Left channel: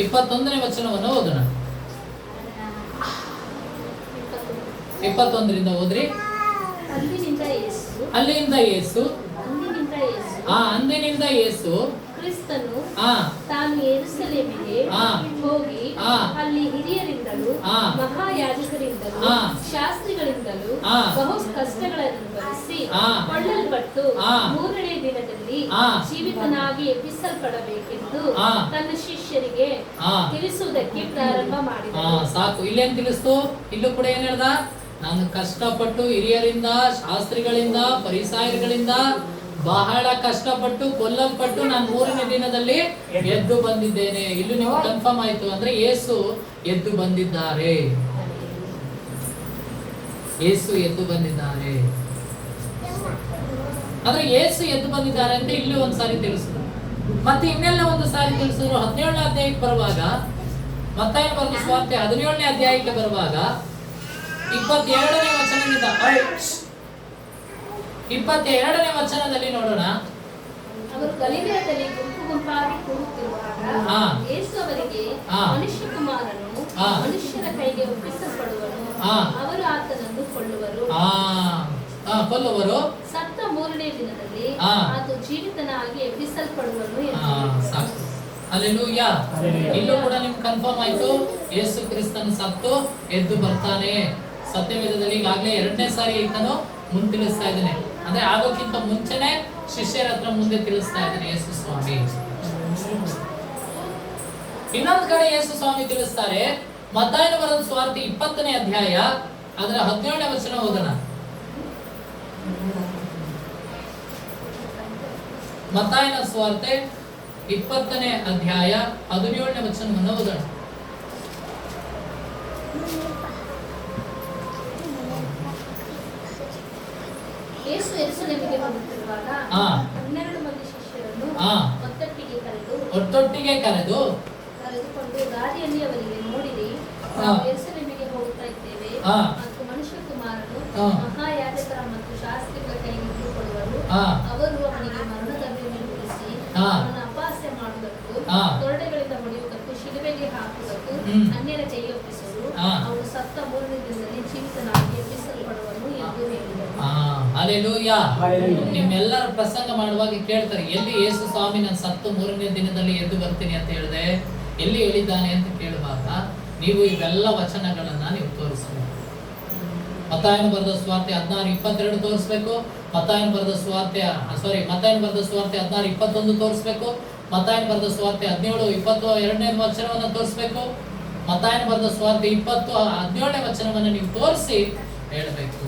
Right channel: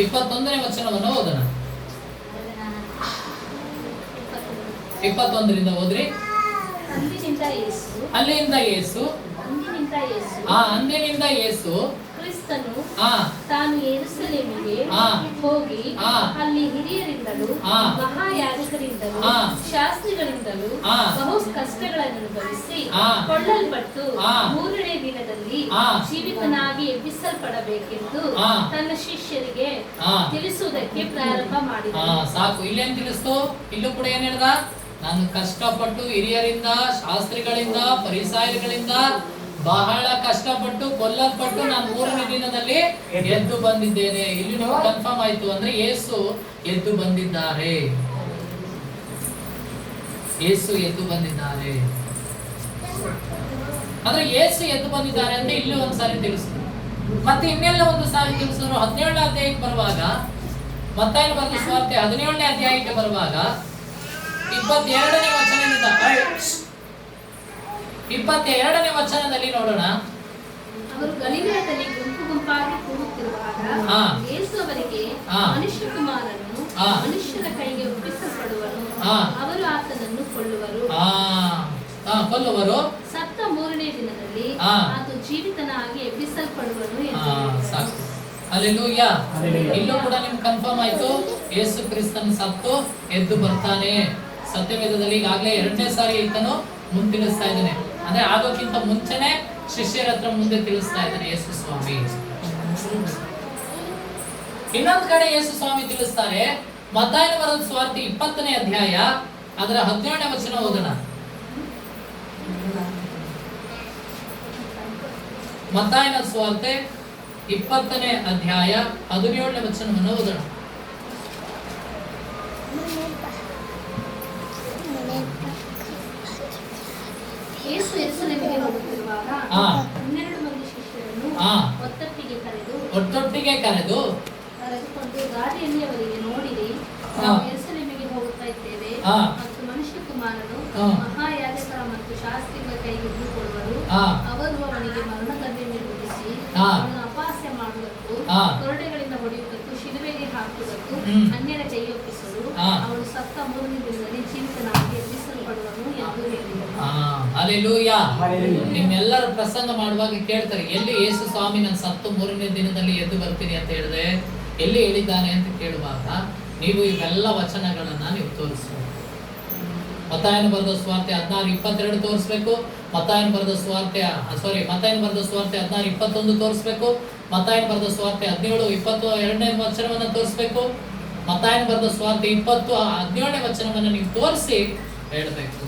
21ನೇ ವಚನವನ್ನು ಓದೋಣ. 21ರಿಂದ ಓದ್ರಿ. ಅಂದಿನಿಂದ ಯೇಸು ಕ್ರಿಸ್ತನು ತಾನು ಯೆರೂಸಲೇಮಿಗೆ ಹೋಗಿ ಅಲ್ಲಿ ಹಿರಿಯರಿಂದಲೂ ಮಹಾಯಾಜಕರಿಂದಲೂ ಶಾಸ್ತ್ರಿಗಳಿಂದಲೂ ಬಹು ಕಷ್ಟಗಳನ್ನು ಅನುಭವಿಸಿ ಕೊಳ್ಳಲ್ಪಟ್ಟು 3ನೇ ದಿನದಲ್ಲಿ ಜೀವಿತನಾಗಿ ಎಬ್ಬಿಸಲ್ಪಡಬೇಕೆಂದು ತನ್ನ ಶಿಷ್ಯರಿಗೆ ತಿಳಿಸುವುದಕ್ಕೆ ಪ್ರಾರಂಭ ಮಾಡಿದನು. ಸಾಕು, ಇಲ್ಲೇನ್ ತಿಳಿಸ್ತು? ಇಲ್ಲೂ ಕೂಡ ಏನ್ ಹೇಳ್ದ? ನಾನು ಕಷ್ಟಪಟ್ಟು ಹಿರಿಯರಿಂದ, ಶಾಸ್ತ್ರಿಗಳಿಂದ, ಫರಿಸಾಯರುಗಳಿಂದ ಬಹಳ ಕಷ್ಟಪಟ್ಟು ಕೊಲ್ಲಲ್ಪಟ್ಟು ನಾನು 3ನೇ ದಿನದಲ್ಲಿ ಎದ್ದು ಬಂದಿದ್ದೇನೆ. ಇಲ್ಲಿ ನೀವು ಕನ್ಫರ್ಮ್ ಆಯ್ತು ಅಂದ್ರೆ ಯೇಸು ಎದ್ದು ಬಂದಿದ್ದಾರೆ. ಯೇಸು ಎದ್ದು ಬಂದಿದ್ದಾರೆ ಅಂದ್ರೆ ಯೇಸು ಎದ್ದು ಬಂದಿದ್ದಾರೆ ಅಂತ ಇಲ್ಲಿ ಒಂದ್ಸಾರಿ ತಿಳಿಸಿದ್ರು. ಮತ್ತೆ ಇನ್ನೆಲ್ಲ ಒಂದು ಸಾರಿ ತಿಳಿಸಿದ್ರು. 17ನೇ ಅಧ್ಯಾಯಕ್ಕೆ ಬರುವಾಗ, ಮತ್ತಾಯನ ಬರೆದ ಸುವಾರ್ತೆ 17ನೇ ಅಧ್ಯಾಯಕ್ಕೆ ಬರುವಾಗ 22ನೇ ವಚನದಿಂದ 22ನೇ ವಚನದಲ್ಲಿ ನೋಡೋಣ. ಅವರು ಗಲಿಲಾಯದಲ್ಲಿ ಗುಂಪು ಗುಂಪಾಗಿ ಕೂಡುತ್ತಿರುವಾಗ ಯೇಸು ಅವರಿಗೆ, ಮನುಷ್ಯಕುಮಾರನು ಮನುಷ್ಯರ ಕೈಗೆ ಒಪ್ಪಿಸಲ್ಪಡುವನು, ಅವರು ಆತನನ್ನು ಕೊಲ್ಲುವರು, ಸತ್ತ 3ನೇ ದಿನದಲ್ಲಿ ಆತ ಜೀವಿತನಾಗಿ ಎಬ್ಬಿಸಲ್ಪಡುವನು ಎಂದು. ಹಲ್ಲೆಲೂಯಾ. ಇಲ್ಲೂ ಕೂಡ ನಿಮ್ಗೆ ಕನ್ಫರ್ಮ್ ಆಯ್ತು, ಯೇಸು ಕ್ರಿಸ್ತನ ಸತ್ತು ಎದ್ದು ಬರ್ತಾನೆ. ಸತ್ಯವೇದದಲ್ಲಿ ಈಗಾಗಲೇ 2ನೇ ಸಾರಿ ಈತನು ಮುಂದೆ ತಿಳಿಸ್ತಾ ಇದ್ದಾನೆ. ಅಂದ್ರೆ ಆಗೋಕ್ಕಿಂತ ಮುಂಚೆನೆ ಶಿಷ್ಯರ ಹತ್ರ ಮುಂದೆ ತಿಳಿಸ್ತಾ ಇದ್ದಾನೆ ಯೇಸು ಸ್ವಾಮಿ. ಇನ್ನೊಂದು ಕಡೆ ಯೇಸು ಸ್ವಾಮಿ ತಿಳಿಸ್ತಾರೆ. ಮತ್ತಾಯನ ಬರೆದ ಸುವಾರ್ತೆ 20ನೇ ಅಧ್ಯಾಯ ಅದರ 17ನೇ ವಚನ ಓದೋಣ. ಮತ್ತಾಯನ ಸುವಾರ್ತೆ 20ನೇ ಅಧ್ಯಾಯ 17ನೇ ವಚನವನ್ನು ಓದೋಣ. ಯೇಸು ಯೆರೂಸಲೇಮಿಗೆ ಹೋಗುತ್ತಿರುವಾಗ 12 ಮಂದಿ ಶಿಷ್ಯರನ್ನು ಒಟ್ಟೊಟ್ಟಿಗೆ ಕರೆದು ಕರೆದುಕೊಂಡು ದಾರಿಯಲ್ಲಿ ಅವರಿಗೆ, ನೋಡಿರಿ, ನಾವು ಯೆರೂಸಲೇಮಿಗೆ ಹೋಗುತ್ತಾ ಇದ್ದೇವೆ ಮತ್ತು ಮನುಷ್ಯಕುಮಾರನು ಮಹಾಯಾಜಕರ ಮತ್ತು ಶಾಸ್ತ್ರಿಗಳ ಕೈಗೆ ಹಿಡಿದುಕೊಳ್ಳುವರು. ಅವರು ಅವನಿಗೆ ಮರಣದಂಡನೆ ವಿಧಿಸಿ ಅವನನ್ನು ಅಪಹಾಸ್ಯ ಮಾಡುವುದಕ್ಕೂ ಕೊರಡೆಗಳಿಂದ ಹೊಡೆಯುವುದಕ್ಕೂ ಶಿಲುಬೆಗೆ ಹಾಕುವುದಕ್ಕೂ ಅನ್ಯರ ಕೈಗೆ ಒಪ್ಪಿಸುವರು. ಅವನು ಸತ್ತ 3ನೇ ದಿನದಲ್ಲಿ ಜೀವಿತನಾಗಿ ಎಬ್ಬಿಸಲ್ಪಡುವನು ಎಂದು ಹೇಳಿದರು. ಹಲ್ಲೆಲೂಯಾ. ನಿಮ್ಮೆಲ್ಲರ ಪ್ರಸಂಗ ಮಾಡುವಾಗ ಕೇಳ್ತಾರೆ, ಎಲ್ಲಿ ಯೇಸು ಸ್ವಾಮಿ ನಾನು ಸತ್ತು 3ನೇ ದಿನದಲ್ಲಿ ಎದ್ದು ಬರ್ತೀನಿ ಅಂತ ಹೇಳಿದೆ, ಎಲ್ಲಿ ಹೇಳಿದ್ದಾನೆ ಅಂತ ಕೇಳುವಾಗ ನೀವು ಇವೆಲ್ಲ ವಚನಗಳನ್ನ ನೀವು ತೋರಿಸಬೇಕು. ಮತ್ತಾಯನ ಬರೆದ ಸುವಾರ್ತೆ 16:22 ತೋರಿಸ್ಬೇಕು. ಮತ್ತಾಯನ ಬರೆದ ಸುವಾರ್ತೆ 16:21 ತೋರಿಸ್ಬೇಕು. ಮತ್ತಾಯನ ಬರೆದ ಸುವಾರ್ತೆ 17:22ನೇ ವಚನವನ್ನ ತೋರಿಸ್ಬೇಕು. ಮತ್ತಾಯನ ಬರೆದ ಸುವಾರ್ತೆ 20:17ನೇ ವಚನವನ್ನ ನೀವು ತೋರಿಸಿ ಹೇಳಬೇಕು,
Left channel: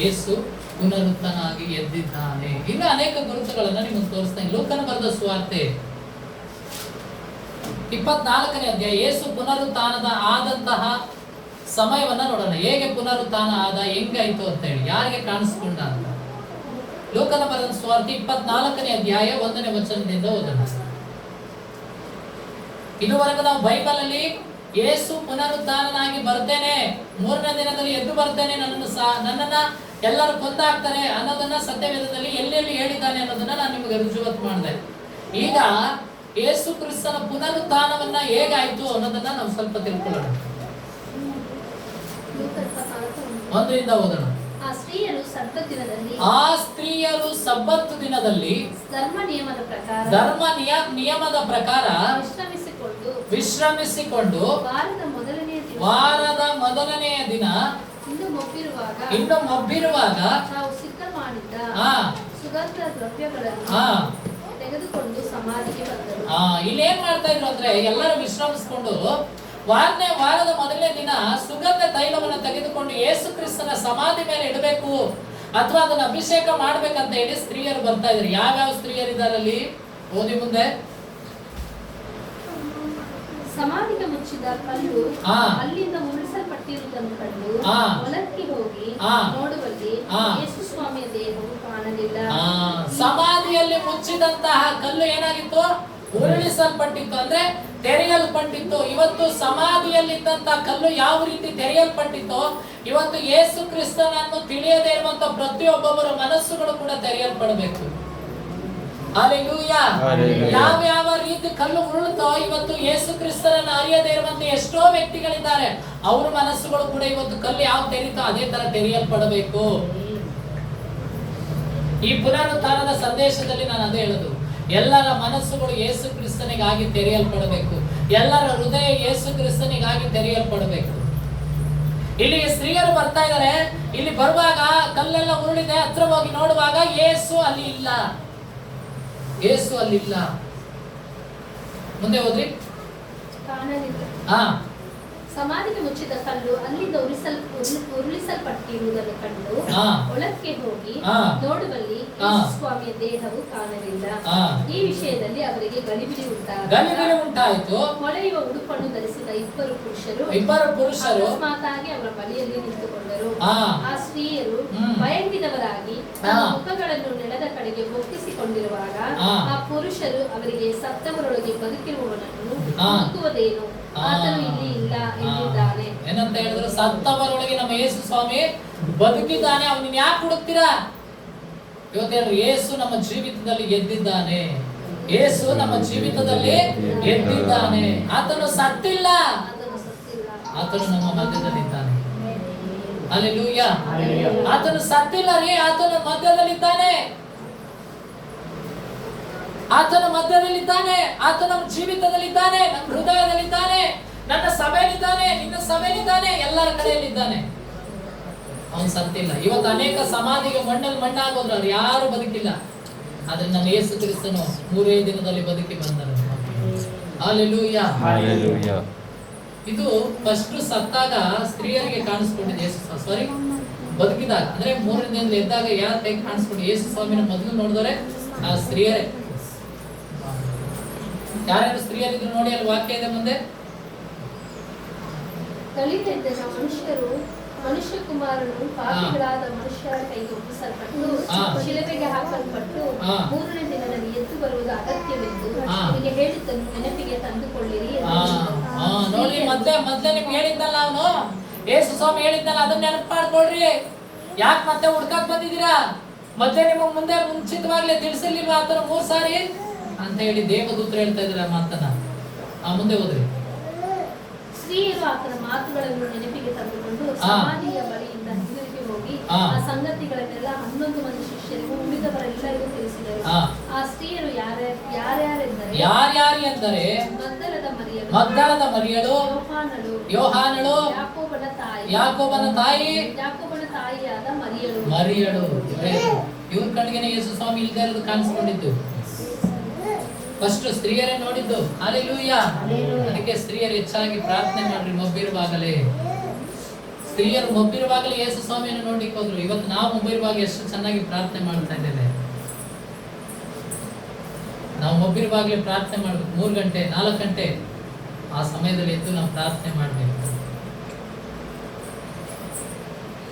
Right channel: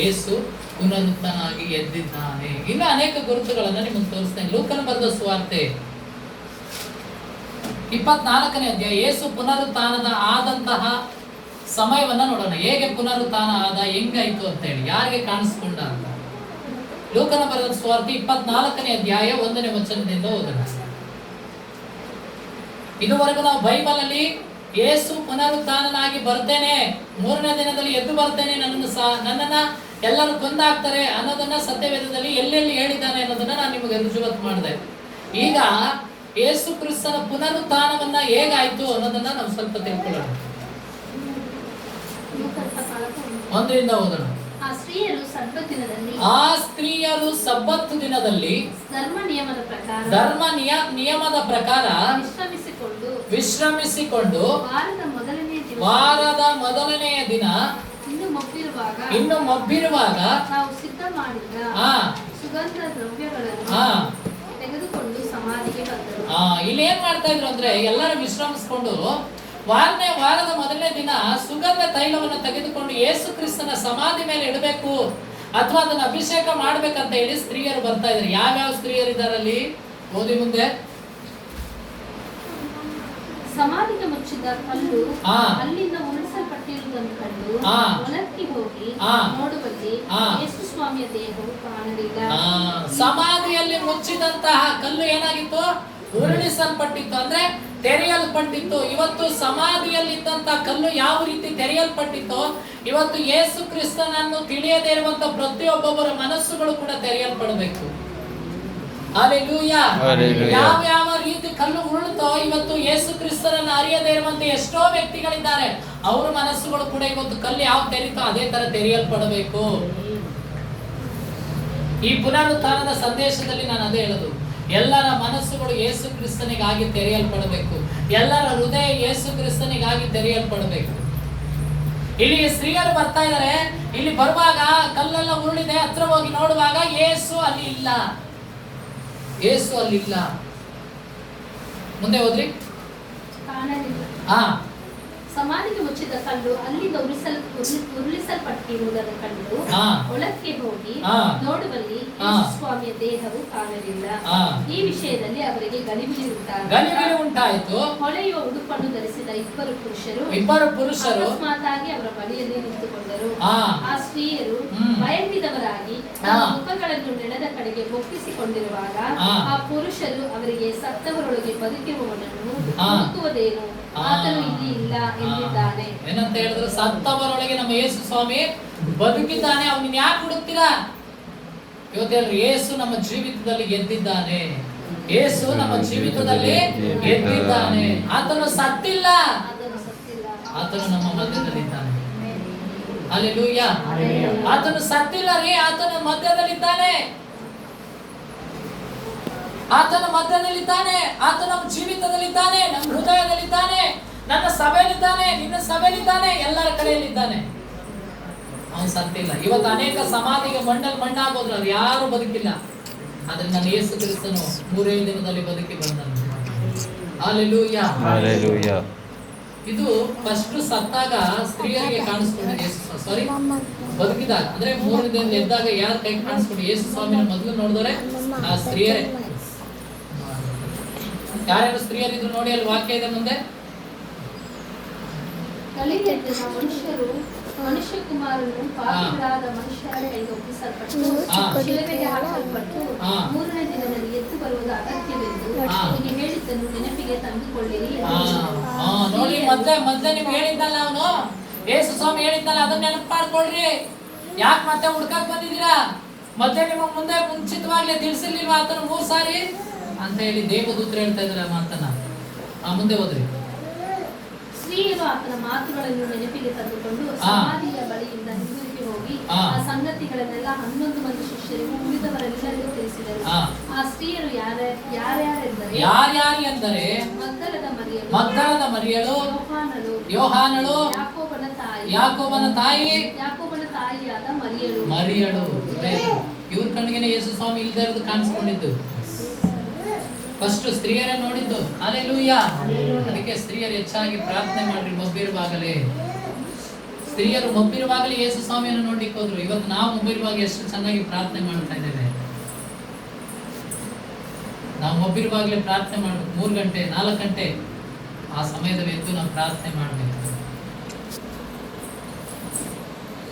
ಯೇಸು ಪುನರುತ್ಥಾನಾಗಿ ಎದ್ದಿದ್ದಾನೆ. ಇನ್ನು ಅನೇಕ ಗುರುತುಗಳನ್ನ ನಿಮಗೆ ತೋರಿಸ್ತೇನೆ. ಲೂಕನ ಬರೆದ ಸುವಾರ್ತೆ 24ನೇ ಅಧ್ಯಾಯ ಯೇಸು ಪುನರುತ್ಥಾನದ ಆದಂತಹ ಸಮಯವನ್ನ ನೋಡೋಣ. ಹೇಗೆ ಪುನರುತ್ಥಾನ ಆದ, ಹೆಂಗಾಯ್ತು ಅಂತ ಹೇಳಿ, ಯಾರಿಗೆ ಕಾಣಿಸ್ಕೊಂಡ ಅಂತ. ಲೂಕನ ಬರೆದ ಸುವಾರ್ತೆ 24ನೇ ಅಧ್ಯಾಯ 1ನೇ ವಚನದಿಂದ ಓದೋಣ. ಇದುವರೆಗೂ ನಾವು ಬೈಬಲ್ ಅಲ್ಲಿ ಯೇಸು ಪುನರುತ್ಥಾನನಾಗಿ ಬರ್ತೇನೆ, 3ನೇ ದಿನದಲ್ಲಿ ಎದ್ದು ಬರ್ತೇನೆ, ನನ್ನನ್ನ ಎಲ್ಲರೂ ಕೊಂದಾಕ್ತಾರೆ ಅನ್ನೋದನ್ನ ಸತ್ಯವೇದದಲ್ಲಿ ಎಲ್ಲೆಲ್ಲಿ ಹೇಳಿದ್ದಾನೆ ಅನ್ನೋದನ್ನ ನಾನು ನಿಮಗೆ ರುಜುವಾತು ಮಾಡಿದೆ. ಈಗ ಯೇಸು ಕ್ರಿಸ್ತನ ಪುನರುತ್ಥಾನವನ್ನ ಹೇಗಾಯ್ತು ಅನ್ನೋದನ್ನ ನಾವು ಸ್ವಲ್ಪ ತಿಳ್ಕೊಳ್ಳೋಣ. 1ರಿಂದ ಓದೋಣ. ಆ ಸ್ತ್ರೀಯರು ಸಬ್ಬತ್ ದಿನದಲ್ಲಿ ಧರ್ಮ ನಿಯಮದ ಪ್ರಕಾರ ವಿಶ್ರಮಿಸಿಕೊಂಡು ವಾರದ ಮೊದಲನೆಯ ದಿನ ಇನ್ನು ಮಬ್ಬಿರುವಾಗ ನಾವು ಸಿದ್ಧ ಮಾಡಿದ ಸುಗಂಧ ದ್ರವ್ಯಗಳನ್ನು ತೆಗೆದುಕೊಂಡು ಸಮಾಧಿಗೆ ಬಂದರು. ಇಲ್ಲಿ ಏನ್ ಮಾಡ್ತಾ ಇದ್ರು ಅಂದ್ರೆ, ಎಲ್ಲರೂ ವಿಶ್ರಮಿಸಿಕೊಂಡು ವಾರದ ಮೊದಲನೇ ದಿನ ಸುಗಂಧ ತೈಲವನ್ನು ತೆಗೆದುಕೊಂಡು ಯೇಸು ಕ್ರಿಸ್ತನ ಸಮಾಧಿ ಮೇಲೆ ಇಡಬೇಕು ಅಥವಾ ಅದನ್ನ ಅಭಿಷೇಕ ಮಾಡ್ಬೇಕಂತ ಹೇಳಿ ಸ್ತ್ರೀಯರು ಬರ್ತಾ ಇದ್ರು. ಯಾವ್ಯಾವ ಸ್ತ್ರೀಯರು ಇದಾರಲ್ಲಿ ಓದಿ ಮುಂದೆ. ಸಮಾಧಿಗೆ ಮುಚ್ಚಿದ ಕಲ್ಲು ಅಲ್ಲಿಂದ ಉಳಿಸಲ್ಪಟ್ಟಿರುವುದನ್ನು ಕಂಡು ಹೊಲಕ್ಕೆ ಹೋಗಿ ನೋಡುವಲ್ಲಿ ಯೇಸು ಸ್ವಾಮಿಯ ದೇಹವು ಕಾಣಲಿಲ್ಲ. ಸಮಾಧಿಯಲ್ಲಿ ಮುಚ್ಚಿದಂತಹ ಕಲ್ಲು ಏನಾಗಿತ್ತು? ಉರುಳಿಸಲ್ಪಟ್ಟಿತ್ತು, ಅಂದ್ರೆ ತೆರೆಯಲ್ಪಟ್ಟಿತ್ತು. ಇವತ್ತು ಸಮಾಧಿಯಲ್ಲಿದ್ದಂತಹ ಕಲ್ಲು ಯಾವ ರೀತಿ ತೆರೆಯಲ್ಪಟ್ಟಿತ್ತು, ಇವತ್ತು ಯೇಸು ಕ್ರಿಸ್ತನನ್ನು ತಿಳಿಯದೇ ಇರುವಂತಹ ಪ್ರತಿಯೊಬ್ಬೊಬ್ಬರ ಮನಸ್ಸುಗಳು ಕೂಡ ತೆರೆಯಲ್ಪಡಬೇಕು. ಹಲ್ಲೆಲೂಯಾ. ಯಾವ ರೀತಿ ಕಲ್ಲು ಉರುಳುತ್ತೋ ಇವತ್ತು ಯೇಸು ಕ್ರಿಸ್ತನನ್ನು ಅರಿಯದೇ ಇರುವಂತ ಎಷ್ಟೋ ವ್ಯಕ್ತಿಗಳಿದ್ದಾರೆ. ಅವ್ರ ಮನಸ್ಸುಗಳು ಕೂಡ ಇವತ್ತು ಕಲ್ಲು ಯಾವ ತೆರೀತೋ ಅದೇ ತರ ತೆರೆಯಲ್ಪಡಬೇಕು. ಈ ಪುನರುತ್ಥಾನದ ಸಂದೇಶದಲ್ಲಿ ನಾನು ಅದೇ ಹೇಳುದು, ಎಲ್ಲರ ಮನಸ್ಸುಗಳು ಯೇಸು ಕ್ರಿಸ್ತನಿಗಾಗಿ ತೆರೆಯಲ್ಪಡಬೇಕು. ಎಲ್ಲರ ಹೃದಯ ಯೇಸು ಕ್ರಿಸ್ತನಿಗಾಗಿ ತೆರೆಯಲ್ಪಡಬೇಕು. ಇಲ್ಲಿ ಸ್ತ್ರೀಯರು ಬರ್ತಾ ಇದ್ದಾರೆ. ಇಲ್ಲಿ ಬರುವಾಗ ಕಲ್ಲೆಲ್ಲ ಉರುಳಿದೆ, ಹತ್ರ ಹೋಗಿ ನೋಡುವಾಗ ಯೇಸು ಅಲ್ಲಿ ಇಲ್ಲ. ಯೇಸು ಅಲ್ಲಿಲ್ಲ. ಮುಂದೆ ಹೋದ್ರಿ. ಸಮಾಧಿಗೆ ಮುಚ್ಚಿದ ಕಲ್ಲು ಅಲ್ಲಿಂದ ಉರುಳಿಸಲ್ಪಟ್ಟಿರುವುದನ್ನು ಕಂಡು ಒಳಕ್ಕೆ ಹೋಗಿ ನೋಡುವಲ್ಲಿ ಸ್ವಾಮಿಯ ದೇಹವು ಕಾಣಲಿಲ್ಲ. ಈ ವಿಷಯದಲ್ಲಿ ಅವರಿಗೆ ಗಲಿಬಿಲಿ ಉಂಟಾಯಿತು. ಹೊಳೆಯುವ ಉಡುಪನ್ನು ಧರಿಸಿದ ಇಬ್ಬರು ಪುರುಷರು ಅಕಸ್ಮಾತಾಗಿ ಅವರ ಬಳಿಯಲ್ಲಿ ನಿಂತುಕೊಂಡರು. ಆ ಸ್ತ್ರೀಯರು ಭಯಂಕಿತವರಾಗಿ ತಮ್ಮ ಮುಖಗಳನ್ನು ನೆಲದ ಕಡೆಗೆ ಒಪ್ಪಿಸಿಕೊಂಡಿರುವಾಗ ಆ ಪುರುಷರು ಅವರಿಗೆ ಸತ್ತವರೊಳಗೆ ಬದುಕಿರುವವನನ್ನು ಹುಡುಕುವುದೇನು, ಆತನು ಇಲ್ಲಿ ಇಲ್ಲ ಎಂದಿದ್ದಾನೆ. ಏನಂತ ಹೇಳಿದ್ರು? ಸತ್ತವರೊಳಗೆ ನಮ್ಮ ಯೇಸು ಸ್ವಾಮಿ ಬದುಕಿದ್ದಾನೆ, ಅವನಿಗೆ ಯಾಕೆ ಹುಡುಕ್ತೀರಾ? ಇವತ್ತೇಳ್ರಿ, ಯೇಸು ನಮ್ಮ ಜೀವಿತದಲ್ಲಿ ಗೆದ್ದಿದ್ದಾನೆ. ಯೇಸು ನಮ್ಮ ಜೀವಿತದಲ್ಲಿ ಗೆದ್ದಿದ್ದಾನೆ. ಆತನು ಸತ್ತಿಲ್ಲ, ಆತನು ನಮ್ಮ ಮಧ್ಯದಲ್ಲಿದ್ದಾನೆ. ಹಲ್ಲೆಲೂಯಾ. ಆತನು ಸತ್ತಿಲ್ಲ ರೀ, ಆತನು ಮಧ್ಯದಲ್ಲಿದ್ದಾನೆ. ಆತನ ಮಧ್ಯದಲ್ಲಿದ್ದಾನೆ. ಆತ ನಮ್ಮ ಜೀವಿತದಲ್ಲಿದ್ದಾನೆ, ನಮ್ಮ ಹೃದಯದಲ್ಲಿದ್ದಾನೆ, ನನ್ನ ಸಭೆಯಲ್ಲಿದ್ದಾನೆ, ನಿನ್ನ ಸಭೆಯಲ್ಲಿದ್ದಾನೆ, ಎಲ್ಲರ ಕಡೆಯಲ್ಲಿದ್ದಾನೆ. ಅವನು ಸತ್ತಿಲ್ಲ. ಇವತ್ತು ಅನೇಕ ಸಮಾಧಿಗೆ ಮಣ್ಣಲ್ಲಿ ಮಣ್ಣಾಗೋದ್ರು, ಅದು ಯಾರು ಬದುಕಿಲ್ಲ. ಆದ್ರೆ ನಮ್ಮ ಯೇಸು ಕ್ರಿಸ್ತನು 3 ದಿನದಲ್ಲಿ ಬದುಕಿ ಬಂದನು. ಹಲ್ಲೆಲೂಯಾ. ಹಲ್ಲೆಲೂಯಾ. ಇದು ಫಸ್ಟ್ ಸತ್ತಾಗ ಸ್ತ್ರೀಯರಿಗೆ ಕಾಣಿಸ್ಕೊಂಡಿದೆ. ಸಾರಿ, ಬದುಕಿದಾಗ ಅಂದ್ರೆ 3 ದಿನದಲ್ಲಿ ಎದ್ದಾಗ ಯಾರ ಕೈ ಕಾಣಿಸ್ಕೊಂಡು ಯೇಸು ಸ್ವಾಮಿನ ಮೊದಲು ನೋಡಿದರೆ ಆ ಸ್ತ್ರೀಯರೇ. ಯಾರ್ಯಾರು ಸ್ತ್ರೀಯರಿದ್ರು ನೋಡಿ, ಅಲ್ಲಿ ವಾಕ್ಯ ಇದೆ ಮುಂದೆ. ಮನುಷ್ಯ ಕುಮಾರನು ಪಾಪಿಗಳಾದ ಮನುಷ್ಯರ ಕೈಗೆ ಒಪ್ಪಿಸಲ್ಪಟ್ಟು ಶಿಲುಬೆಗೆ ಹಾಕಲ್ಪಟ್ಟು 3ನೇ ದಿನದಲ್ಲಿ ಎದ್ದು ಬರುವುದು ಅಗತ್ಯವೆಂದು ನಿಮಗೆ ಹೇಳಿದ್ದನ್ನು ನೆನಪಿಗೆ ತಂದುಕೊಳ್ಳಿರಿ. ನೋಡಿ, ಮೊದಲೇ ನಿಮ್ಗೆ ಹೇಳಿದ್ದಲ್ಲ ಅವನು, ಯೇಸು ಸ್ವಾಮಿ ಹೇಳಿದ್ದಲ್ಲ, ಅದನ್ನ ನೆನಪು ಮಾಡ್ಕೊಳ್ರಿ. ಯಾಕೆ ಮತ್ತೆ ಹುಡ್ಕಕ್ ಬಂದಿದ್ದೀರಾ? ಮತ್ತೆ ನಿಮ್ಮ ಮುಂದೆ ಮುಂಚಿತವಾಗ್ಲೇ ತಿಳಿಸಿರ್ಲಿಲ್ವಾ ಆತನ 3 ಸಾರಿ ಅಂತ ಹೇಳಿ ದೇವದೂತರು ಹೇಳ್ತಾ ಇದ್ದಾರೆ ಆ ಮಾತನ್ನ. ಮುಂದೆ ಹೋದ್ರಿ. ಸ್ತ್ರೀಯರು ಆತನ ಮಾತುಗಳನ್ನು ನೆನಪಿಗೆ ತಂದುಕೊಂಡು ಸಮಾಧಿಯ ಬಳಿಯಿಂದ ಹಿಂದಿರುಗಿ ಹೋಗಿ ಆ ಸಂಗತಿಗಳನ್ನೆಲ್ಲ 11 ಮಂದಿ ಶಿಷ್ಯರಿಗೂ ಉಳಿದವರೆಲ್ಲರಿಗೂ ತಿಳಿಸಿದರು. ಆ ಸ್ತ್ರೀಯರು ಯಾರ್ಯಾರೆಂದರೆ ಮಗ್ದಲದ ಮರಿಯಳು, ಯೋಹಾನಳು, ಯಾಕೋಬನ ತಾಯಿಯಾದ ಮರಿಯಳು. ಇವ್ರ ಕಣ್ಣಿಗೆ ಯೇಸು ಸ್ವಾಮಿ ಇಲ್ಲದೆ ಇರೋದು ಕಾಣಿಸ್ಕೊಂಡಿದ್ದು. ಫಸ್ಟ್ ಸ್ತ್ರೀಯರೇ ನೋಡಿದ್ದು. ಹಲ್ಲೆಲೂಯಾ. ಅದಕ್ಕೆ ಸ್ತ್ರೀಯರು ಹೆಚ್ಚಾಗಿ ಪ್ರಾರ್ಥನೆ ಮಾಡ್ರಿ. ಮಬ್ಬಿರುವಾಗಲೇ ಸ್ತ್ರೀಯರು ಮಬ್ಬಿರುವಾಗಲೇ ಯೇಸು ಸ್ವಾಮಿಯನ್ನು ನೋಡ್ಲಿಕ್ಕೆ ಹೋದ್ರು. ಇವತ್ತು ನಾವು ಮಬ್ಬಿರುವಾಗ ಎಷ್ಟು ಚೆನ್ನಾಗಿ ಪ್ರಾರ್ಥನೆ ಮಾಡ್ತಾ ಇದ್ದೇವೆ. ನಾವು ಮಬ್ಬಿರುವಾಗಲೇ ಪ್ರಾರ್ಥನೆ ಮಾಡ್ಬೇಕು. 3 ಗಂಟೆ 4 ಗಂಟೆ ಆ ಸಮಯದಲ್ಲಿ ಎದ್ದು ನಾವು ಪ್ರಾರ್ಥನೆ ಮಾಡ್ಬೇಕು.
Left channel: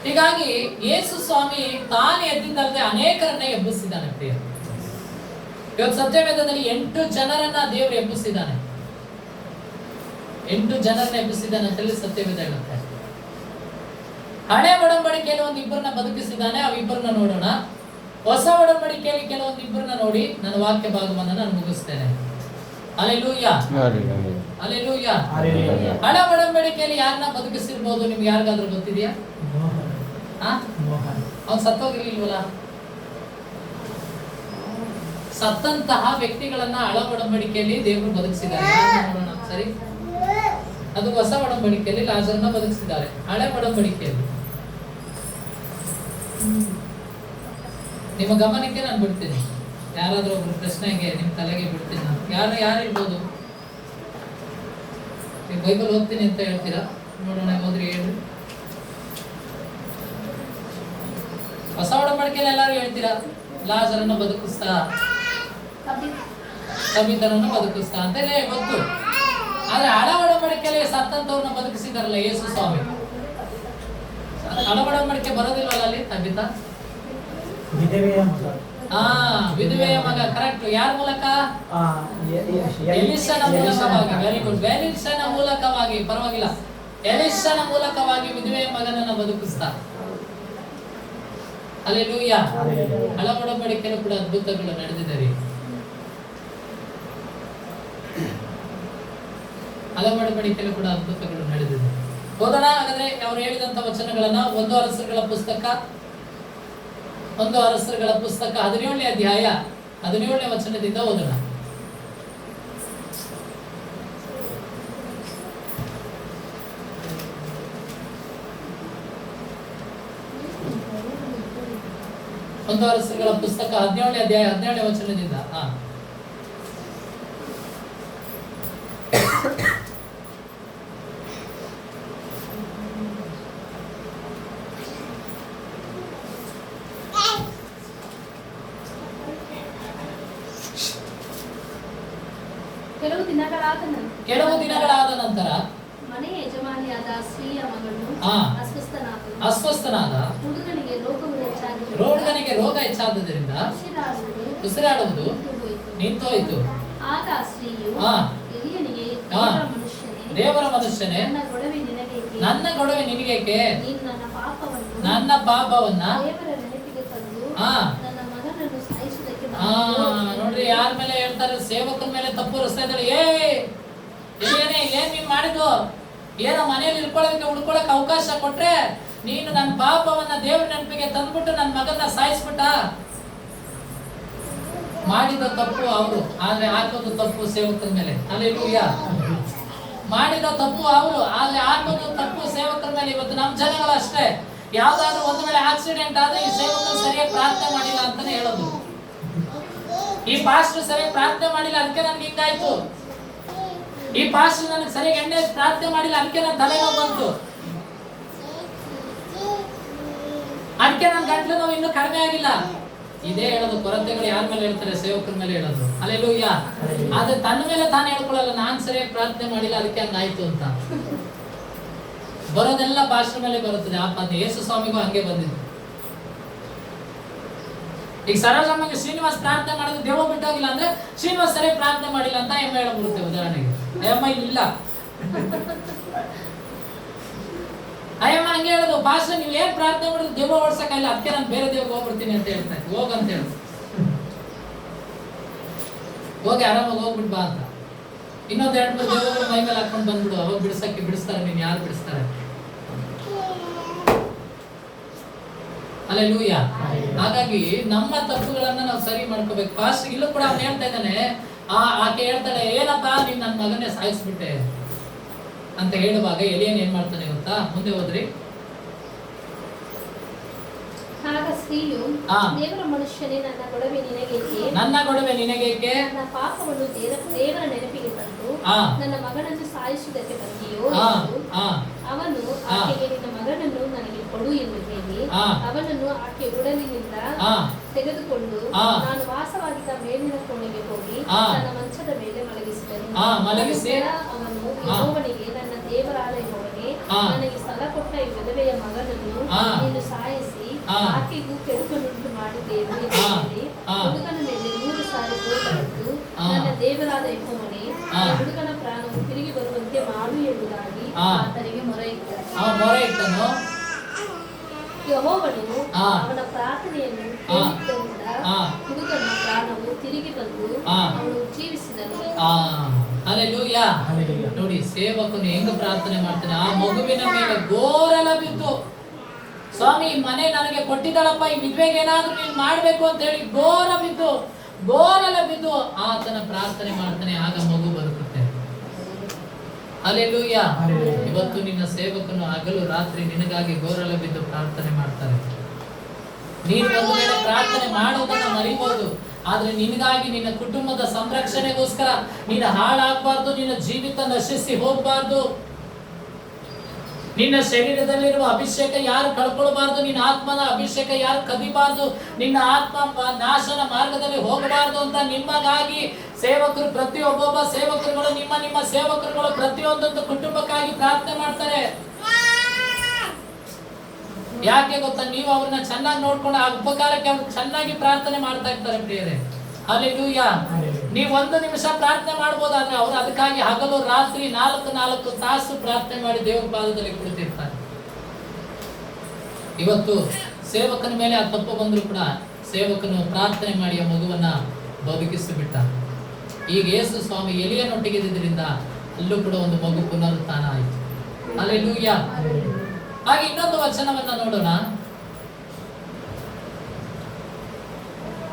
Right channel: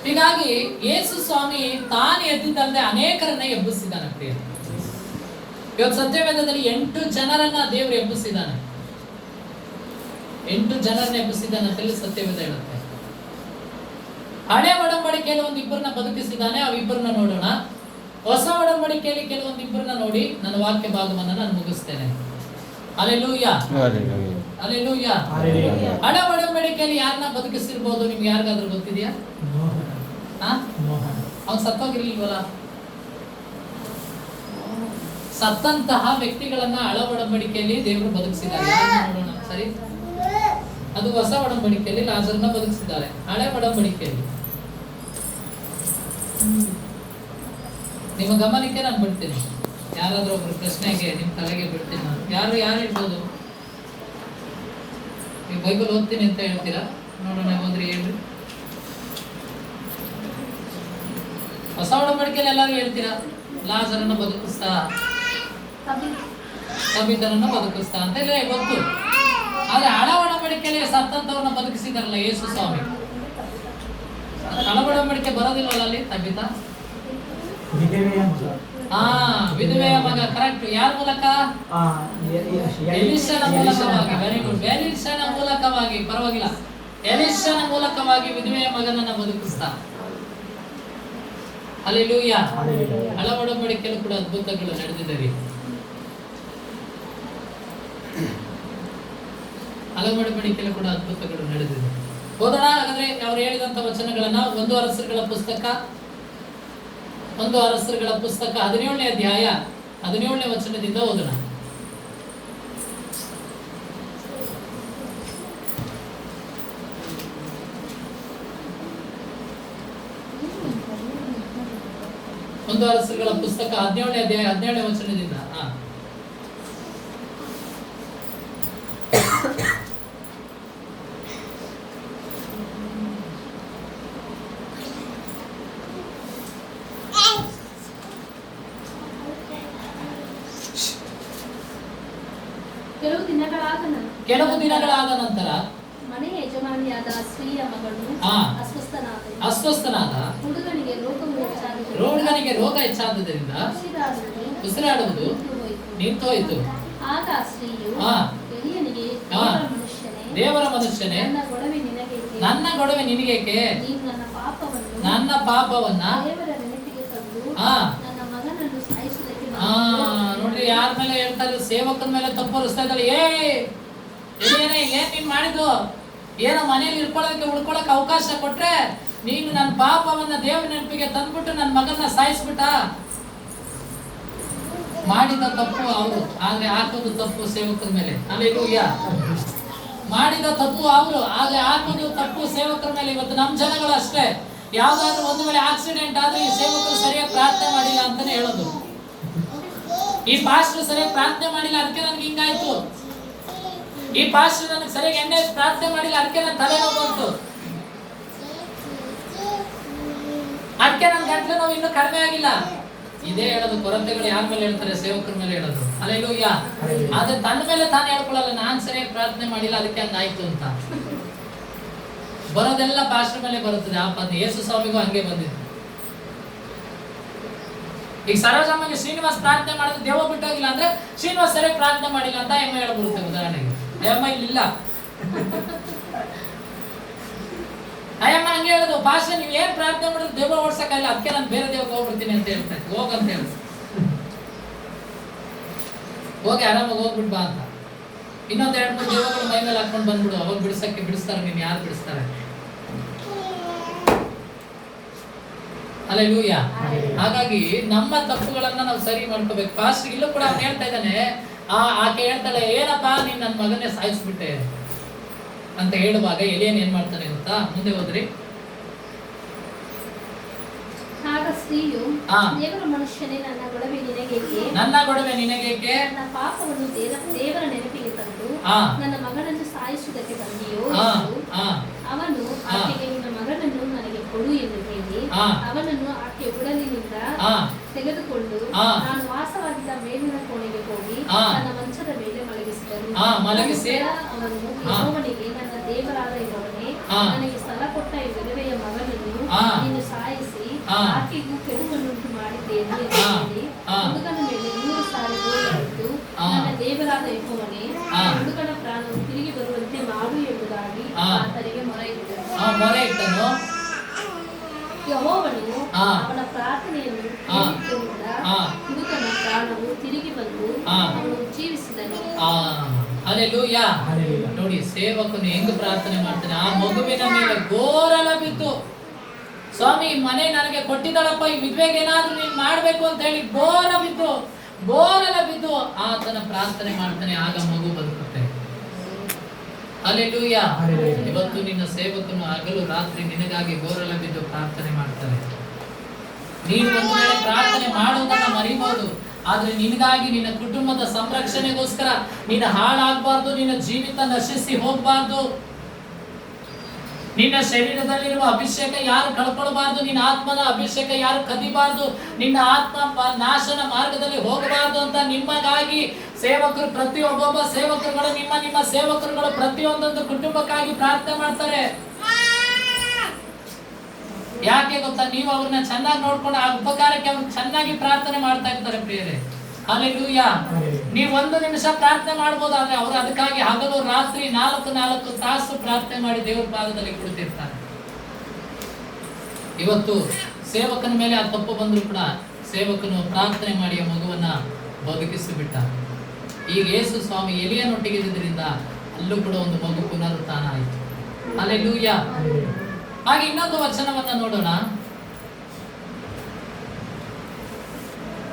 ಹೀಗಾಗಿ ಯೇಸು ಸ್ವಾಮಿ ತಾನೇ ಎದ್ದಿದ್ದಲ್ಲದೆ ಅನೇಕರನ್ನ ಎಬ್ಬಿಸಿದ್ದಾನೆ. ಪ್ರಿಯ, ಇವತ್ತು ಸತ್ಯವೇದದಲ್ಲಿ 8 ಜನರನ್ನ ದೇವರು ಎಬ್ಬಿಸಿದ್ದಾನೆ. 8 ಜನರನ್ನ ಎಬ್ಬಿಸಿದ್ದಾನೆ ಅಂತ ಹೇಳಿ ಸತ್ಯವೇದ ಹೇಳುತ್ತೆ. ಹಳೆ ಒಡಂಬಡಿಕೆಯಲ್ಲಿ 1 ಬದುಕಿಸಿದ್ದಾನೆ. ಅವಿಬ್ಬರನ್ನ ನೋಡೋಣ. ಹೊಸ ಒಡಂಬಡಿಕೆಯಲ್ಲಿ ಕೆಲವೊಂದು 2 ನೋಡಿ ನನ್ನ ವಾಕ್ಯ ಭಾಗವನ್ನು ನಾನು ಮುಗಿಸ್ತೇನೆ. ಹಲ್ಲೆಲೂಯಾ. ಹಲ್ಲೆಲೂಯಾ. ಹಳೆ ಒಡಂಬಡಿಕೆಯಲ್ಲಿ ಯಾರನ್ನ ಬದುಕಿಸಿರ್ಬೋದು? ನಿಮ್ಗೆ ಯಾರಿಗಾದ್ರೂ ಗೊತ್ತಿದೆಯಾ? ಅವ್ನು ಸತ್ತೋಗಿರ್ಲಿಲ್ವಲ್ಲ. ಸತ್ತಂತಹ ವ್ಯಕ್ತಿಗಳನ್ನ ಹಳೆ ಒಡಂಬಡಿಕೆಯಲ್ಲಿ ದೇವರು ಬದುಕಿಸಿದ್ದಾರೆ. ನೋಡೋಣ. ಸರಿ, ಅದು ಹೊಸ ಒಡಂಬಡಿಕೆಯಲ್ಲಿ ಲಾಜರನ್ನ ಬದುಕಿಸಿದ್ದಾರೆ. ಹಳೆ ಒಡಂಬಡಿಕೆಯಲ್ಲಿ ನಿಮ್ಮ ಗಮನಕ್ಕೆ ನಾನು ಬಿಡ್ತೀನಿ. ಯಾರಾದ್ರೂ ಒಬ್ರು ಪ್ರಶ್ನೆಗೆ ನಿಮ್ ತಲೆಗೆ ಬಿಡ್ತೀನಿ. ಯಾರು ಹೇಳ್ಬೋದು? ನೀವು ಬೈಬಲ್ ಓದ್ತೀನಿ ಅಂತ ಹೇಳ್ತೀರಾ? ನೋಡೋಣ, ಓದ್ರಿ, ಹೇಳ್ರಿ. ಹೊಸ ಒಡಂಬಡಿಕೆಯಲ್ಲಿ ಎಲ್ಲರೂ ಹೇಳ್ತೀರಾ ಲಾಜರನ್ನ ಬದುಕಿಸ್ತಾ, ಸಬಿತರನ್ನ ಬದುಕಿಸ್ತಾ ಅಂತ ಹೇಳಿ ಗೊತ್ತು. ಆದ್ರೆ ಹಳೆ ಒಡಂಬಡಿಕೆಯಲ್ಲಿ ಸತ್ತಂತವ್ರನ್ನ ಬದುಕಿಸಿದಾರಲ್ಲ ಯೇಸು ಸ್ವಾಮಿ. ಹಳೆ ಒಡಂಬಡಿಕೆ ಬರೋದಿಲ್ಲವಲ್ಲ ಅಲ್ಲಿ. ತಬಿತ ವಿಧವೆಯ ಮಗ. ಕರೆಕ್ಟ್. ಯಾರ ಮೂಲಕ? ಎಲಿಷನ ಮೂಲಕವಾಗಿ. Very good. ಎಲಿಷನ ಮೂಲಕವಾಗಿ, ಪರವಾಗಿಲ್ಲ, ಎಲಿಷನ ಮೂಲಕವಾಗಿ ವಿಧವೆಯ ಮಗನನ್ನ ಬದುಕಿಸ್ತಾ. ಹಲ್ಲೆಲೂಯಾ. ಹಳೆ ಒಡಂಬಡಿಕೆಯಲ್ಲೂ ಕೂಡ ಅದ್ಭುತಗಳು ನಡೆದಿದೆ. ಅಲಮಡಬಡಿಕೆಯಲ್ಲೂ ಕೂಡ ಅದ್ಭುತಗಳು ನಡೆದಿದೆ. ಓದೋಣ ಹಾಗಾದ್ರೆ ಅವರು ಹೇಳಿದಂತ ವಚನಗಳನ್ನ. 1 ಅರಸರುಗಳ ಪುಸ್ತಕ 17ನೇ ಅಧ್ಯಾಯ 17ನೇ ವಚನದಿಂದ ಓದೋಣ. ಒಂದು ಅರಸರುಗಳ ಪುಸ್ತಕ 17ನೇ ಅಧ್ಯಾಯ 17ನೇ ವಚನದಿಂದ. ಕೆಲವು ದಿನಗಳಾದ ನಂತರ ಮನೆಯ ಯಜಮಾನಿಯಾದ ಸ್ತ್ರೀಯ ಮಗಳು ಅಸ್ವಸ್ಥನಾದ ಹುಡುಗನಿಗೆ ರೋಗ ಹೆಚ್ಚಾದ್ದರಿಂದ ಉಸಿರಾಡುವುದು ನಿಂತು ಹೋಯಿತು. ಆಗ ಸ್ತ್ರೀಯು ಎಲೀಯನಿಗೆ, ದೇವರ ಮನುಷ್ಯನೇ, ನನ್ನ ಗೊಡವೆ ನಿನಗೇಕೆ? ನನ್ನ ಪಾಪವನ್ನ ನೋಡ್ರಿ, ಯಾರ ಮೇಲೆ ಹೇಳ್ತಾರೆ? ಸೇವಕನ ಮೇಲೆ ತಪ್ಪು ಹೊರಿಸ್ತಾ ಇದ್ದಾರೆ. ಏನ್ ನೀನ್ ಮಾಡಿದ್ದು? ಏನೋ ಮನೆಯಲ್ಲಿ ಇಳ್ಕೊಳ್ಳೋದಕ್ಕೆ ಉಳ್ಕೊಳಕ್ ಅವಕಾಶ ಕೊಟ್ರೆ ನೀನು ನನ್ನ ಪಾಪವನ್ನ ದೇವ್ರ ನೆನಪಿಗೆ ತಂದ್ಬಿಟ್ಟು ನನ್ನ ಮಗನ ಸಾಯಿಸ್ಬಿಟ್ಟ. ಮಾಡಿದ ತಪ್ಪು ಅವರು, ಆದ್ರೆ ಹಾಕೋದು ತಪ್ಪು ಸೇವಕರ ಮೇಲೆ. ಹಲ್ಲೆಲೂಯಾ. ಮಾಡಿದ ತಪ್ಪು ಅವರು, ಆದ್ರೆ ಹಾಕೋದು ತಪ್ಪು ಸೇವಕರ ಮೇಲೆ. ಇವತ್ತು ನಮ್ಮ ಜನಗಳು ಅಷ್ಟೇ, ಯಾವ್ದಾದ್ರು ಒಂದು ವೇಳೆ ಆಕ್ಸಿಡೆಂಟ್ ಆದ್ರೆ ಈ ಸೇವಕರು ಸರಿಯಾಗಿ ಪ್ರಾರ್ಥನೆ ಮಾಡಿಲ್ಲ ಅಂತಾನೆ ಹೇಳೋದು. ಈ ಪಾಸ್ಟರ್ ಸರಿಯಾಗಿ ಪ್ರಾರ್ಥನೆ ಮಾಡಿಲ್ಲ, ಅದಕ್ಕೆ ನನ್ಗೆ ಹಿಂಗಾಯ್ತು. ಈ ಪಾಸ್ಟರ್ ನನಗೆ ಸರಿಯಾಗಿ ಎಣ್ಣೆ ಪ್ರಾರ್ಥನೆ ಮಾಡಿಲ್ಲ, ಅದಕ್ಕೆ ನನ್ನ ತಲೆನೋವು ಬಂತು. ಅದಕ್ಕೆ ನನ್ನ ಗಂಟ್ಲು ನೋವು ಇನ್ನೂ ಕಡಿಮೆ ಆಗಿಲ್ಲ. ಇದೇ ಹೇಳೋದು. ಕೊರತೆಗಳು ಯಾರ ಮೇಲೆ ಹೇಳ್ತಾರೆ? ಸೇವಕರ ಮೇಲೆ ಹೇಳೋದು. ಹಲ್ಲೆಲೂಯಾ. ಆದ್ರೆ ತನ್ನ ಮೇಲೆ ತಾನೇ ಹೇಳ್ಕೊಳ್ಳಲ್ಲ, ನಾನ್ ಸರಿಯಾಗಿ ಪ್ರಾರ್ಥನೆ ಮಾಡಿಲ್ಲ ಅದಕ್ಕೆ ಹಂಗಾಯ್ತು ಅಂತ. ಬರೋದೆಲ್ಲ ಪಾಸ್ಟರ್ ಮೇಲೆ ಬರುತ್ತದೆ. ಆ ಯೇಸು ಸ್ವಾಮಿಗೂ ಹಂಗೆ ಬಂದಿದ್ದು. ಈಗ ಸರೋಜಮ್ಮಗೆ ಶ್ರೀನಿವಾಸ್ ಪ್ರಾರ್ಥನೆ ಮಾಡಿದ್ರೆ ದೇವ ಬಿಟ್ಟೋಗಿಲ್ಲ ಅಂದ್ರೆ ಶ್ರೀನಿವಾಸ್ ಸರಿಯಾಗಿ ಪ್ರಾರ್ಥನೆ ಮಾಡಿಲ್ಲ ಅಂತ ಎಮ್ಮ ಹೇಳಬರುತ್ತೆ. ಉದಾಹರಣೆಗೆ ಎಮ್ಮ ಇಲ್ಲ, ಅಯ್ಯಮ್ಮ ಹಂಗೆ ಹೇಳುದು. ಪಾಸ್ಟರ್ ನೀವ್ ಏನ್ ಪ್ರಾರ್ಥನೆ ಮಾಡಿದ್ರು ದೇವ ಓಡ್ಸಕ್ಕಾಗಲ್ಲ, ಅದಕ್ಕೆ ನಾನು ಬೇರೆ ದೇವಕ್ಕೆ ಹೋಗ್ಬಿಡ್ತೀನಿ ಅಂತ ಹೇಳ್ತಾರೆ. ಹೋಗಂತ ಹೇಳ, ಹೋಗಿ ಆರಾಮಾಗಿ ಹೋಗ್ಬಿಟ್ ಬಾ ಅಂತ. ಇನ್ನೊಂದ್ 2-3 ದೇವಗಳು ಮೈ ಮೇಲೆ ಹಾಕೊಂಡು ಬಂದ್ಬಿಡು, ಅವಾಗ ಬಿಡಿಸ್ತಾರೆ. ನೀನ್ ಯಾರು ಬಿಡಿಸ್ತಾರೆ? ಹಲ್ಲೆಲೂಯಾ. ಹಾಗಾಗಿ ನಮ್ಮ ತಪ್ಪುಗಳನ್ನ ನಾವು ಸರಿ ಮಾಡ್ಕೋಬೇಕು. ಪಾಸ್ಟರ್ ಇಲ್ಲೂ ಕೂಡ ಅವ್ನು ಹೇಳ್ತಾ ಇದ್ದಾನೆ, ಆಕೆ ಹೇಳ್ತಾಳೆ, ಏನಪ್ಪಾ ನೀನ್ ನನ್ನ ಮಗನೇ ಸಾಯಿಸ್ಬಿಟ್ಟೆ ಅಂತ ಹೇಳುವಾಗ ಎಲಿಯನ್ ಏನ್ ಮಾಡ್ತಾನೆ ಗೊತ್ತಾ? ಮುಂದೆ ಹೋದ್ರಿ. ಆಗ ಸ್ತ್ರೀಯು, ದೇವರ ಮನುಷ್ಯನೇ, ನನ್ನ ಗೊಡವೆ ನಿನಗೇಕೆ? ನನ್ನ ಪಾಪವನ್ನು ದೇವರ ನೆನಪಿಗೆ ತಂದು ನನ್ನ ಮಗನನ್ನು ಸಾಯಿಸುವುದಕ್ಕೆ ಬಂದಿಯೋ? ಅವನು ಆಕೆಗೆ, ನಿನ್ನ ಮಗನನ್ನು ನನಗೆ ಕೊಡು ಎಂದು ಹೇಳಿ ಅವನನ್ನು ಆಕೆ ಉಡಲಿನಿಂದ ತೆಗೆದುಕೊಂಡು ನಾನು ವಾಸವಾಗಿದ್ದ ಮೇಲಿನ ಕೋಣೆಗೆ ಹೋಗಿ ನನ್ನ ಮಂಚದ ಮೇಲೆ ಮಲಗಿಸಿದನು. ಅವನು ಯೆಹೋವನಿಗೆ, ನನ್ನ ದೇವರಾದ ಯೆಹೋವನೇ, ನನಗೆ ಸ್ಥಳ ಕೊಟ್ಟ ಈ ವಿಧವೆಯ ಮಗನನ್ನು ನೀನು ಸಾಯಿಸಿ ಆಕೆಗೂ ಕೆಡುಕನ್ನುಂಟು ಮಾಡಿದ್ದೇನೆ ಎಂದು ಹೇಳಿ ಹುಡುಗನ ಮೇಲೆ 100 ಸಾರಿ ಹೊಡೆದು, ನನ್ನ ದೇವರಾದ ಯೆಹೋವನೇ, ಹುಡುಗನ ಪ್ರಾಣವು ತಿರುಗಿ ಬರುವಂತೆ ಮಾಡು ಎಂಬುದಾಗಿ ಆತನಿಗೆ ಮೊರೆ ಇಟ್ಟನು. ಯೆಹೋವನು ಅವನ ಪ್ರಾರ್ಥನೆಯನ್ನು ಕೇಳಿದ್ದರಿಂದ ಹುಡುಗನ ಪ್ರಾಣವು ತಿರುಗಿ ಬಂದು ಅವನು ಜೀವಿಸಿದನು. ಹಲ್ಲೆಲೂಯಾ. ನೋಡಿ, ಸೇವಕನು ಹೆಂಗ ಪ್ರಾರ್ಥನೆ ಮಾಡ್ತಾನೆ. ಆ ಮಗುವಿನ ಮೇಲೆ ಗೋರಲ ಬಿದ್ದು, ಸ್ವಾಮಿ ಮನೆ ನನಗೆ ಕೊಟ್ಟಿದ್ದಳಪ್ಪ, ಈ ವಿಧವೆಗೆ ಏನಾದ್ರೂ ನೀನ್ ಮಾಡ್ಬೇಕು ಅಂತ ಹೇಳಿ ಗೋರಲ ಬಿದ್ದು ಆತನ ಪ್ರಾರ್ಥನೆ ಮಾಡ್ತಾನೆ. ಆಗ ಮಗು ಬರುತ್ತದೆ. ಹಲ್ಲೆಲೂಯಾ. ಇವತ್ತು ನಿನ್ನ ಸೇವಕನು ಹಗಲು ರಾತ್ರಿ ನಿನಗಾಗಿ ಗೋರಲ ಬಿದ್ದು ಪ್ರಾರ್ಥನೆ ಮಾಡ್ತಾರೆ. ನೀನು ಒಂದು ವೇಳೆ ಪ್ರಾರ್ಥನೆ ಮಾಡುವುದನ್ನ ಮರಿಬಹುದು, ಆದ್ರೆ ನಿನಗಾಗಿ, ನಿನ್ನ ಕುಟುಂಬದ ಸಂರಕ್ಷಣೆಗೋಸ್ಕರ ನೀನು ಹಾಳಾಗಬಾರ್ದು, ನಿನ್ನ ಜೀವಿತ ನಶಿಸಿ ಹೋಗಬಾರ್ದು, ನಿನ್ನ ಶರೀರದಲ್ಲಿರುವ ಅಭಿಷೇಕ ಯಾರು ಕಳ್ಕೊಳ್ಬಾರ್ದು, ನಿನ್ನ ಆತ್ಮದ ಅಭಿಷೇಕ ಯಾರು ಕದಿಬಾರ್ದು, ನಿನ್ನ ಆತ್ಮ ನಾಶನ ಮಾರ್ಗದಲ್ಲಿ ಹೋಗಬಾರ್ದು ಅಂತ ನಿಮಗಾಗಿ ಸೇವಕರು, ಪ್ರತಿಯೊಬ್ಬೊಬ್ಬ ಸೇವಕರುಗಳು, ನಿಮ್ಮ ಸೇವಕರುಗಳು ಪ್ರತಿಯೊಂದೊಂದು ಕುಟುಂಬಕ್ಕಾಗಿ ಪ್ರಾರ್ಥನೆ ಮಾಡ್ತಾರೆ. ಯಾಕೆ ಗೊತ್ತಾ? ನೀವು ಅವ್ರನ್ನ ಚೆನ್ನಾಗಿ ನೋಡ್ಕೊಂಡು ಆ ಉಪಕಾರಕ್ಕೆ ಅವ್ರು ಚೆನ್ನಾಗಿ ಪ್ರಾರ್ಥನೆ ಮಾಡ್ತಾ ಇರ್ತಾರೆ ಪ್ರಿಯರೇ. ಹಲ್ಲೆಲೂಯಾ. ನೀವು 1 ನಿಮಿಷ ಪ್ರಾರ್ಥನೆ ಮಾಡ್ಬೋದಾದ್ರೆ ಅವರು ಅದಕ್ಕಾಗಿ ಹಗಲು ರಾತ್ರಿ 4 ತಾಸು ಪ್ರಾರ್ಥನೆ ಮಾಡಿ ದೇವರ ಪಾದದಲ್ಲಿ ಕುಳಿತಿರ್ತಾರೆ. ಇವತ್ತು ಸೇವಕನ ಮೇಲೆ ಆ ತಪ್ಪು ಬಂದ್ರು ಕೂಡ ಸೇವಕನು ಪ್ರಾರ್ಥನೆ ಮಾಡಿ ಆ ಮಗುವನ್ನ ಬದುಕಿಸಿಬಿಟ್ಟ. ಈಗ ಯೇಸು ಸ್ವಾಮಿ ಎಲಿಯನ್ನೊಟ್ಟಿಗಿದ್ದರಿಂದ ಅಲ್ಲೂ ಕೂಡ ಒಂದು ಮಗು ಪುನರುತ್ಥಾನ ಆಯಿತು. ಹಲ್ಲೆಲೂಯಾ. ಹಾಗೆ ಇನ್ನೊಂದು ವಚನವನ್ನ ನೋಡೋಣ.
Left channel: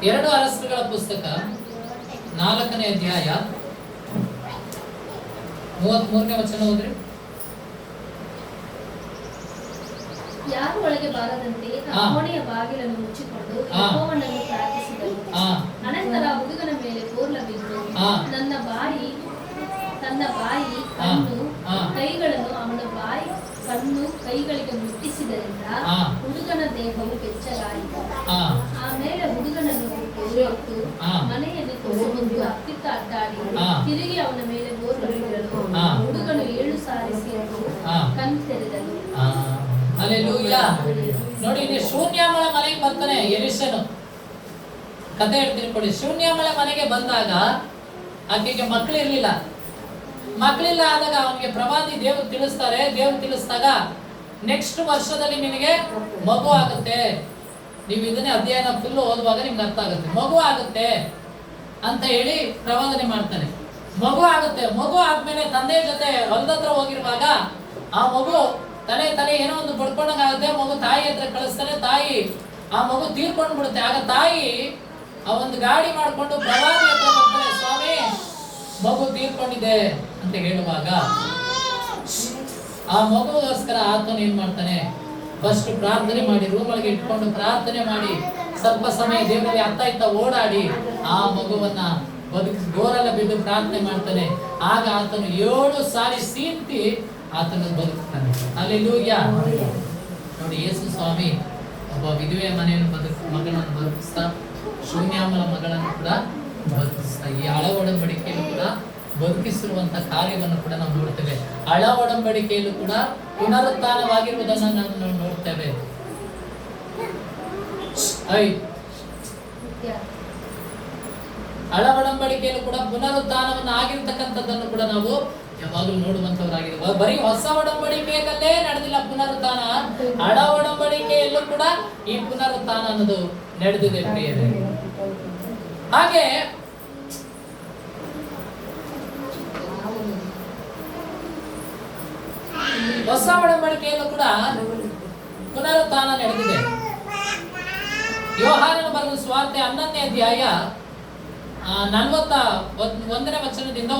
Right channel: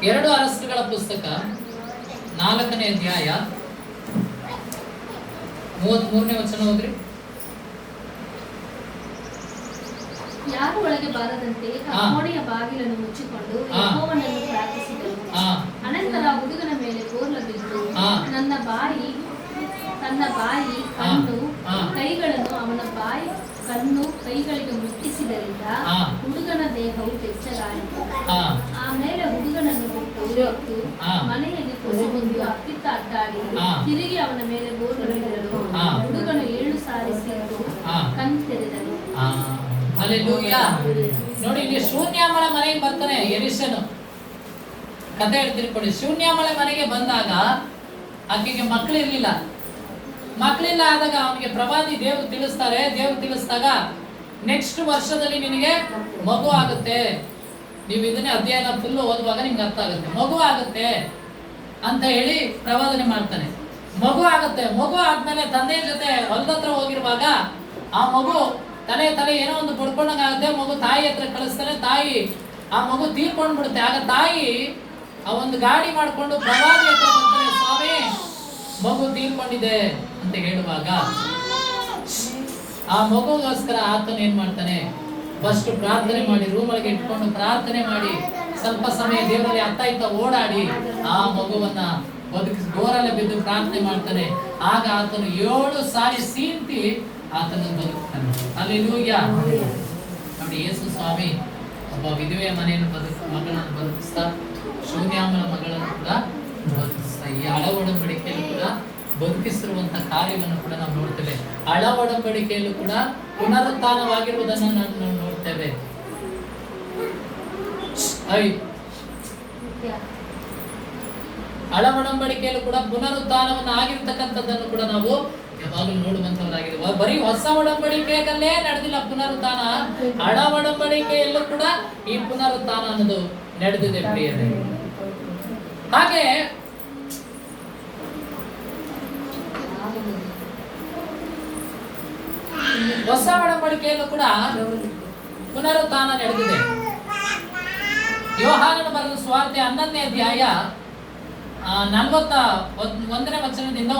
2 ಅರಸರುಗಳ ಪುಸ್ತಕ 4ನೇ ಅಧ್ಯಾಯ 33ನೇ ವಚನ ಓದ್ರಿ. ಯಾರು ಒಳಗೆ ಬಾರದಂತೆ ಆ ಕೋಣೆಯ ಬಾಗಿಲನ್ನು ಮುಚ್ಚಿಕೊಂಡು ಯೆಹೋವನನ್ನು ಪ್ರಾರ್ಥಿಸಿದನು. ಅನಂತರ ಹುಡುಗನ ಮೇಲೆ ಬೋರ್ಲ ಬಿದ್ದು ತನ್ನ ಬಾಯಿ ಕಣ್ಣು ಕೈಗಳನ್ನು ಅವನ ಬಾಯಿ ಕಣ್ಣು ಕೈಗಳಿಗೆ ಮುಟ್ಟಿಸಿದರಿಂದ ಹುಡುಗನ ದೇಹವು ಬೆಚ್ಚಗಾಯಿತು. ಆಮೇಲೆ ಹುಡುಗನನ್ನು ಹೊತ್ತು ಮನೆಯಲ್ಲಿ ಕೊಸೆಗೊಂಡು ಅತ್ತಿತ್ತ ಅಡ್ಡಾಡಿ ತಿರುಗಿ ಅವನ ಮೇಲೆ ಬೋರ್ಲ ಬಿದ್ದನು. ಹುಡುಗನು 7 ಸಾರಿ ಸಿಕ್ಕು ಕಣ್ ತೆರೆದನು. ಹಲ್ಲೆಲೂಯಾ. ನೋಡಿ, ಇಲ್ಲಿ ಶೂನ್ಯಮಳ ಮನೆಗೆ ಬರ್ತಾನೆ ಎಲಿಷನು. ಕತೆ ಹೇಳ್ತೀನಿ ಕೊಡಿ. ಶೂನ್ಯಮಳ ಮನೆಗೆ ಬಂದಾಗ ಆಕೆಗೆ ಮಕ್ಕಳಿರ್ಲಿಲ್ಲ. ಮಕ್ಕಳಿಲ್ಲ ಆದಾಗ ಅವನಿಗೆ ಪ್ರವಾದಿ ದೇವ್ರು ತಿಳಿಸಿದಾಗ ನೆಕ್ಸ್ಟ್ ವರ್ಷದಲ್ಲಿ ನಿನಗೆ ಮಗು ಆಗುತ್ತೆ. ನೀವು ಇದನ್ನೇ ಅಧ್ಯಯನ ಫುಲ್ ಓದುವಾಗ ನಿಮ್ಗೆ ಅರ್ಥ ಆಗುತ್ತೆ. ಮಗು ಆಗುತ್ತೆ ಅಂತ ಹೇಳಿ ಪ್ರವಾದನೆ ಮಾಡ್ತಾನೆ. ಮಗು ಆಗುತ್ತೆ. ಮಗು ಆದ್ಮೇಲೆ ತಂದೆ ಜೊತೆ ಹೊಲದತ್ರ ಹೋಗಿರುವಾಗ ಆ ಮಗು ತಲೆ ಏನೋ ಒಂದು ಬಡ್ಕೊಂಡಾಗುತ್ತೆ. ಮಗು ತಾಯಿ ಹತ್ರ ಕಳಿಸ್ತಾನೆ. ತಾಯಿ ಆ ಮಗು ತೀರ್ಕೊಂಡು ಬಿಡುತ್ತೆ. ಆಗ ತಾಯಿ ಆ ಒಂದು ಗಾಡಿ ಮಾಡ್ಕೊಂಡು ಪ್ರವಾದಿ ಹತ್ರ ಬರ್ತಾನೆ. ಸ್ವಾಮಿ, ಮಗು ತೀರ್ಕೊಂಡಿದೆ ಅಂತ ಹೇಳುವಾಗ ಆ ಮಗುಗೋಸ್ಕರ ಆತನು ಏನ್ ಮಾಡ್ತಾನೆ, ಫಸ್ಟ್ ಪ್ರಾರ್ಥನೆ ಮಾಡಿ ರೂಮ್ ಒಳಗೆ ಇಟ್ಕೊಂಡು ಪ್ರಾರ್ಥನೆ ಮಾಡಿ ಸ್ವಲ್ಪ ಸಮಯ ದೇವರಲ್ಲಿ ಅತ್ತ ಓಡಾಡಿ ಆ ಮಗುವನ್ನ ಗೋರಲ್ಲ ಬಿದ್ದು ಪ್ರಾರ್ಥನೆ ಮಾಡ್ತಾನೆ. ಆಗ ಆತನು 7 ಸಾರಿ ಸೀಂತಿ ಆತನು ಬದುಕ್ತಾನೆ. ಹಲ್ಲೆಲೂಯಾ. ನೋಡಿ, ಯೇಸು ಸ್ವಾಮಿ ಒಬ್ಬ ವಿಧವೆಯ ಮನೆಯನ್ನು ಮಗಳನ್ನು ಬದುಕಿಸ್ತಾ, ಶೂನ್ಯಾಮಳ ಮಗಳನ್ನು ಕೂಡ ಬದುಕಿಸ್ತಾ, ಈ ಹಳ ಒಡಂಬಡಿಕೆಯಲ್ಲೂ ಕೂಡ ಬದುಕಿಸಿರುವಂತಹ ಕಾರ್ಯವನ್ನು ಕೂಡ ನಾವು ನೋಡ್ತೇವೆ. ಹಳ ಒಡಂಬಡಿಕೆಯಲ್ಲೂ ಕೂಡ ಪುನರುತ್ಥಾನವಾಗಿರುವುದನ್ನು ನಾವು ನೋಡ್ತೇವೆ. ಹಳ ಒಡಂಬಡಿಕೆಯಲ್ಲೂ ಕೂಡ ಪುನರುತ್ಥಾನವನ್ನು ಆಗಿರ್ತಕ್ಕಂಥದ್ದನ್ನು ಕೂಡ ನಾವು ಯಾವಾಗಲೂ ನೋಡುವಂತವರಾಗಿದೆ. ಬರೀ ಹೊಸ ಒಡಂಬಡಿಕೆಯಲ್ಲೇ ನಡೆದಿಲ್ಲ ಪುನರುತ್ಥಾನ, ಹಳ ಒಡಂಬಡಿಕೆಯಲ್ಲೂ ಕೂಡ ಈ ಪುನರುತ್ಥಾನ ಅನ್ನೋದು ನಡೆದಿದೆ ಪ್ರಿಯರೇ. ಹಾಗೆ ಹೊಸ ಒಡಂಬಡಿಕೆಯಲ್ಲೂ ಕೂಡ ಪುನರುತ್ಥಾನ ನಡೆದಿದೆ. ಯೋಹಾನನ ಬರೆದ ಸುವಾರ್ತೆ 11ನೇ ಅಧ್ಯಾಯ 41ನೇ ವಚನದಿಂದ